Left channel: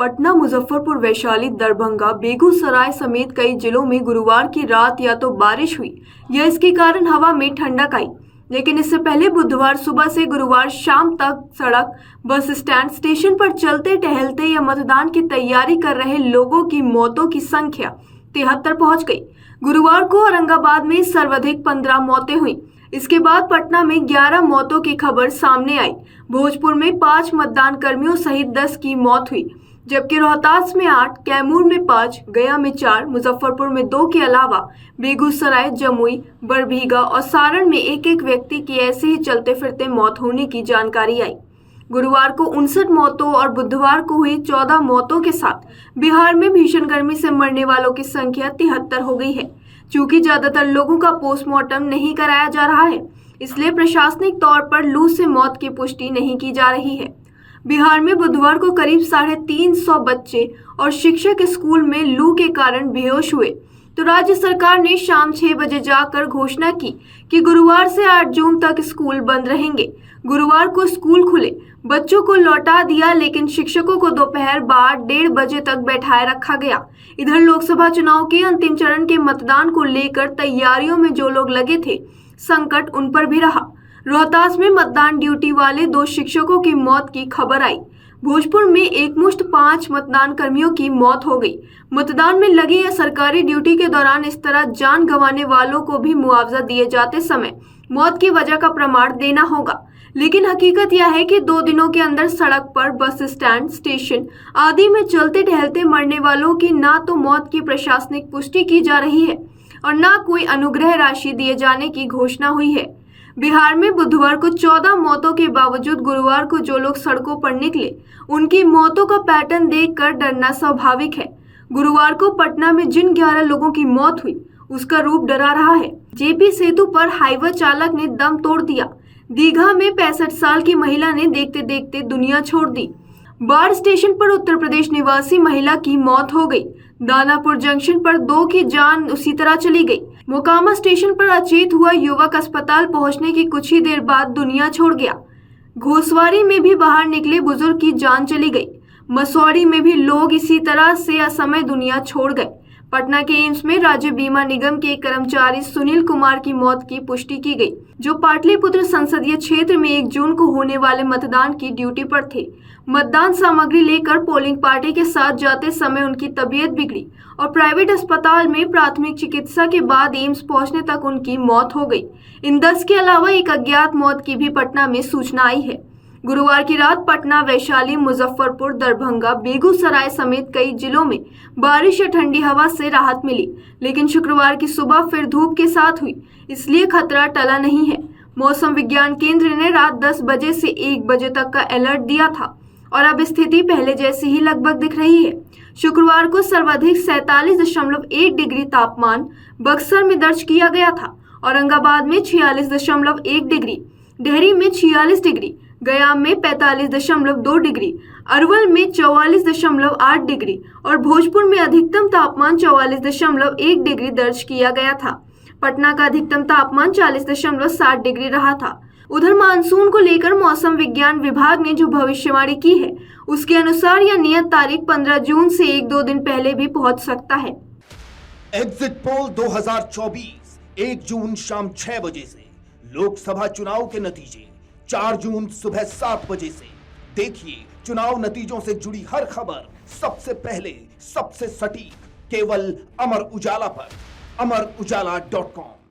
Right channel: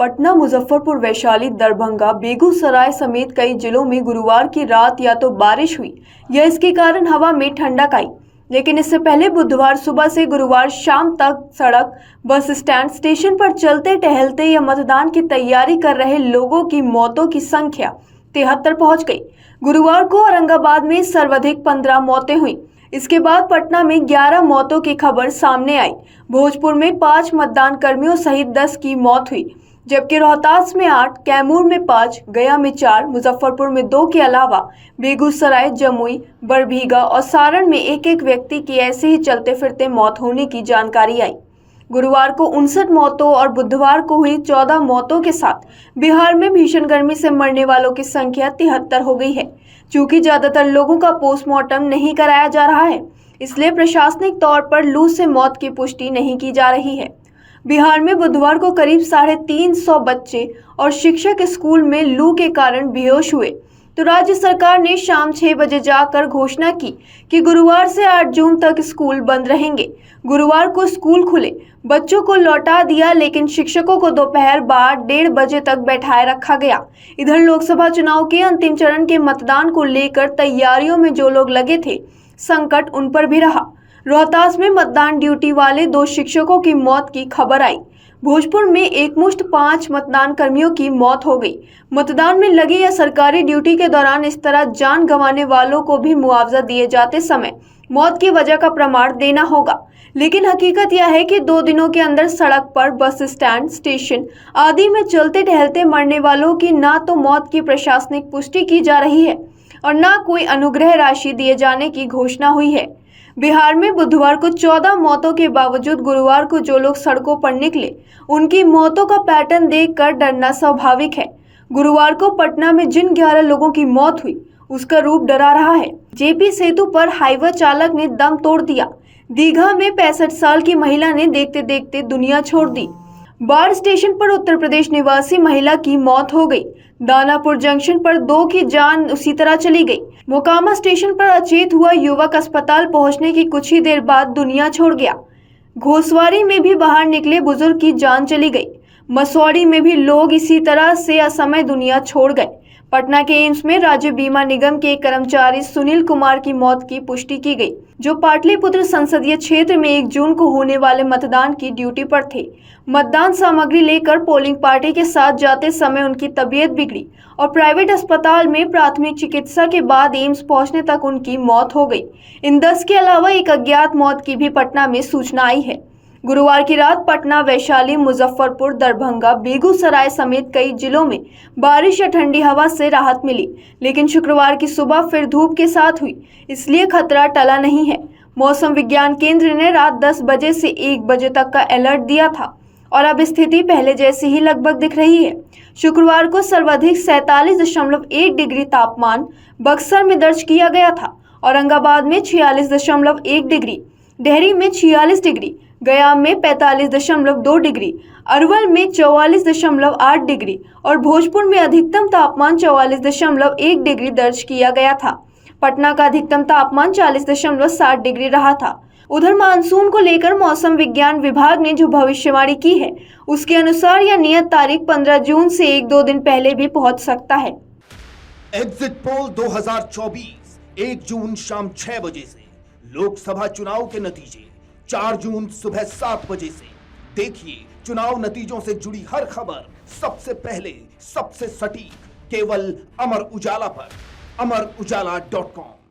पटना, मुजफ्फरपुर, वैशाली, दरभंगा, बेगूसराय समेत कई जिलों में गुरुवार की रात या तो बारिश हुई या इसके कारण हवा में ठंडक आई। लेकिन इससे पहले बुधवार सुबह से गुरुवार शाम तक सड़क, बस स्टैंड, स्टेशन पर चलते टहलते या मतदान की तैयारी कर रहे लोगों की मौतों की संख्या 73 पहुंच गई। गुरुवार को औरंगाबाद में सर्वाधिक 15 मौतें हुई। इसके बाद पटना में 11 मौतों की खबर सामने आई। भोजपुर में 5 मतदान कर्मियों सहित 10 की मौत हुई, जबकि रोहतास में 8, कैमूर में 5, गया में 4, मुजफ्फरपुर में 2 के अलावा बेगूसराय, जमुई, बरबीघा और सारण में एक व्यक्ति की ऐसे ही चलते फिरते मौत होने की जानकारी आई। गुरुवार को 59 मौतों और बुधवार को हुई 14 मौतों के साथ बिहार में भीषण गर्मी से मरने वालों की संख्या 73 हो गई है। चूंकि ज्यादातर लोगों का पोस्टमार्टम नहीं कराया जा रहा है, इसलिए प्रशासनिक तौर पर लू से मौत की पुष्टि नहीं की जा रही है। बिहार में बुधवार को करीब 350 बच्चे और शिक्षक स्कूल में लू के कारण बेहोश हुए, तो राज्य सरकार ने शाम 6 बजे जाकर घोषणा की कि गुरुवार से 8 जून तक स्कूल बंद रहेंगे। गुरुवार को स्कूल खुले, बच्चों को लौटा दिया, लेकिन शिक्षकों को दोपहर बाद 1:30 बजे तक बैठाए रखा गया। इधर लोकसभा चुनाव के अंतिम चरण के मतदान को लेकर तैयारियों में जो लोग लगे थे, संकट उन पर भी रहा। रोहतास में मतदान ड्यूटी वाले 2 शिक्षकों की मौत की खबर आई। भोजपुर में एकमुश्त 5 मतदान कर्मियों की मौत हो गई। मतदान में लगे या सरकारी ड्यूटी के दौरान इस तरह जान गंवाने वालों को भी मुआवजा दिए जाते समय मौत की वजह का प्रमाण देना होगा। लेकिन हकीकत यह है कि 2 दिनों के अंदर सड़क पर, बस स्टैंड, स्टेशन आदि में चलते टहलते मरने वालों की ना तो मौत की प्रशासनिक पुष्टि की जा रही है और ना कोई अनुग्रह राशि दिए जाने की घोषणा हुई है। बिहार में बुधवार को 14 मौतों के बावजूद गुरुवार को जो लोग सड़कों पर निकले, उनकी मौतों का पैटर्न देखकर डरना स्वाभाविक है। गुरुवार को पटना में जिन 11 लोगों की मौत हुई, उसका रूप डरा रहा है। जेपी सेतु पर हाईवे चालक ने दम तोड़ दिया। दीघा में 65 साल की महिला ने देखते देखते दुनिया छोड़ दी। बाढ़ स्टेशन पर उत्तर प्रदेश निवासी महिला की मौत हो गई। दानापुर जंक्शन पर 2 की जान उसी तरह चली गई। मोकामा स्टेशन पर अचेत हुआ युवक अस्पताल पहुंचने की कुछ ही देर बाद दुनिया छोड़ गया। घोसवारी में भी बाहर निकले बुजुर्ग की जान चली गई। मसौड़ी में भी लोग इसी तरह से असमय दुनिया छोड़ गए। पटना के एम्स में राज्य बीमा निगम के एक कर्मचारी सुनील कुमार की मौत की पुष्टि की गई, जो पाटलिपुत्र संसदीय क्षेत्र में 1 जून को होने वाले मतदान की ड्यूटी पर थे। मतदान सामग्री लेकर पोलिंग पार्टी के साथ जाते समय उनकी तबीयत बिगड़ी और प्राइवेट अस्पताल में प्राथमिक चिकित्सा के बाद एम्स पहुंचने तक उनकी मौत हो गई। इन 10 के अलावा एक अज्ञात मौत की भी पटना में सूचना आई है। गुरुवार की रात पटना, वैशाली, मुजफ्फरपुर, दरभंगा, बेगूसराय समेत कई जिलों में बारिश या ठंडी हवा से राहत मिली, लेकिन शुक्रवार की सुबह फिर धूप के साथ हुई, इसलिए खतरा टला नहीं है। मौसम विज्ञान केंद्र ने रात 10 बजे से 1 बजे तक का अलर्ट दिया था और अब स्थिति पहले जैसी ही लगभग दिख रही है। शुक्रवार को सर्वाधिक 47.1 डिग्री तापमान बक्सर में दर्ज किया गया था। औरंगाबाद में 46.1 डिग्री, डेहरी में 46 डिग्री, गया में 45.2 डिग्री, अरवल में 44.8 डिग्री और भोजपुर में अधिकतम तापमान 44.1 डिग्री दर्ज किया गया था। पटना का अधिकतम तापमान 40.7 डिग्री रहा था। उधर मानसून को लेकर मौसम विज्ञान विभाग ने जो भविष्यवाणी की है, उसके अनुसार यह नियत तारीख 15 जून से 1-2 दिन पहले भी पहुंच सकता है। एग्जिट पोल 2024 1 जून शाम 6 बजे से, लोकसभा चुनाव के नतीजे 4 जून सुबह 7 बजे से। देखिए चुनाव नतीजों से जुड़ी हर खबर सबसे पहले, सबसे सटीक, केवल अमर उजाला पर, amarujala.com।